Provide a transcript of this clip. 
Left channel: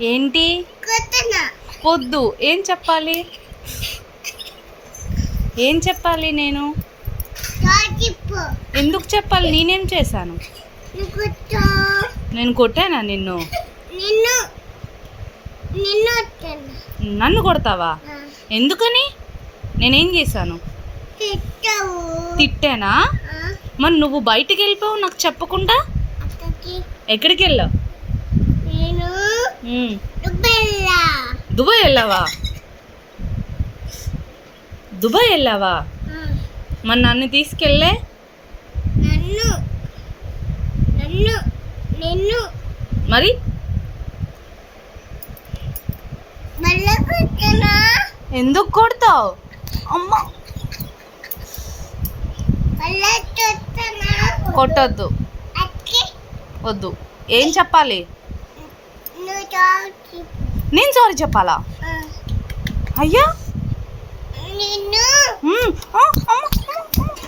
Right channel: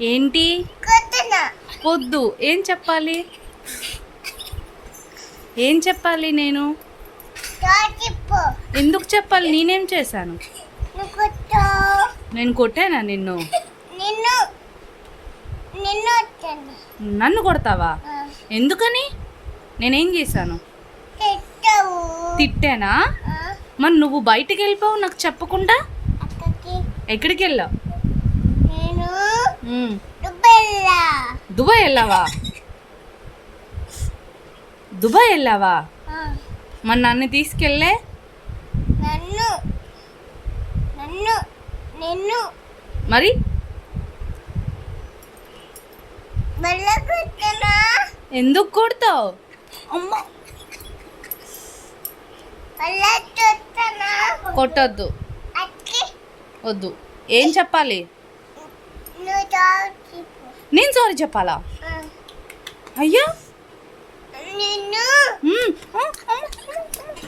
ఏంటి? వద్దు. ఏం చెప్పాలి? ఏం చెప్పాలి నేను? ఎందుకు చెప్పాలి? నేనేం చేశాను? నేను కొట్టానా నిన్ను? నన్ను కొడతావా? ఎందుకని? నేనేం చేశాను? తిట్టానా? మరి నువ్వు బయటికి వెళ్ళిపోవు నాకు చెప్పకుండా. ఎక్కడికి వెళ్ళావు? దుబాయ్ వెళ్ళావా? దుబాయ్ వెళ్ళావా? మరి నన్ను తీసుకెళ్ళే. మరి ఎందుకు కొడతావు? అమ్మ కొట్టొద్దు. వద్దు. ఏం చెప్పాలి? నేను సారీ చెప్పాలా? అయ్యా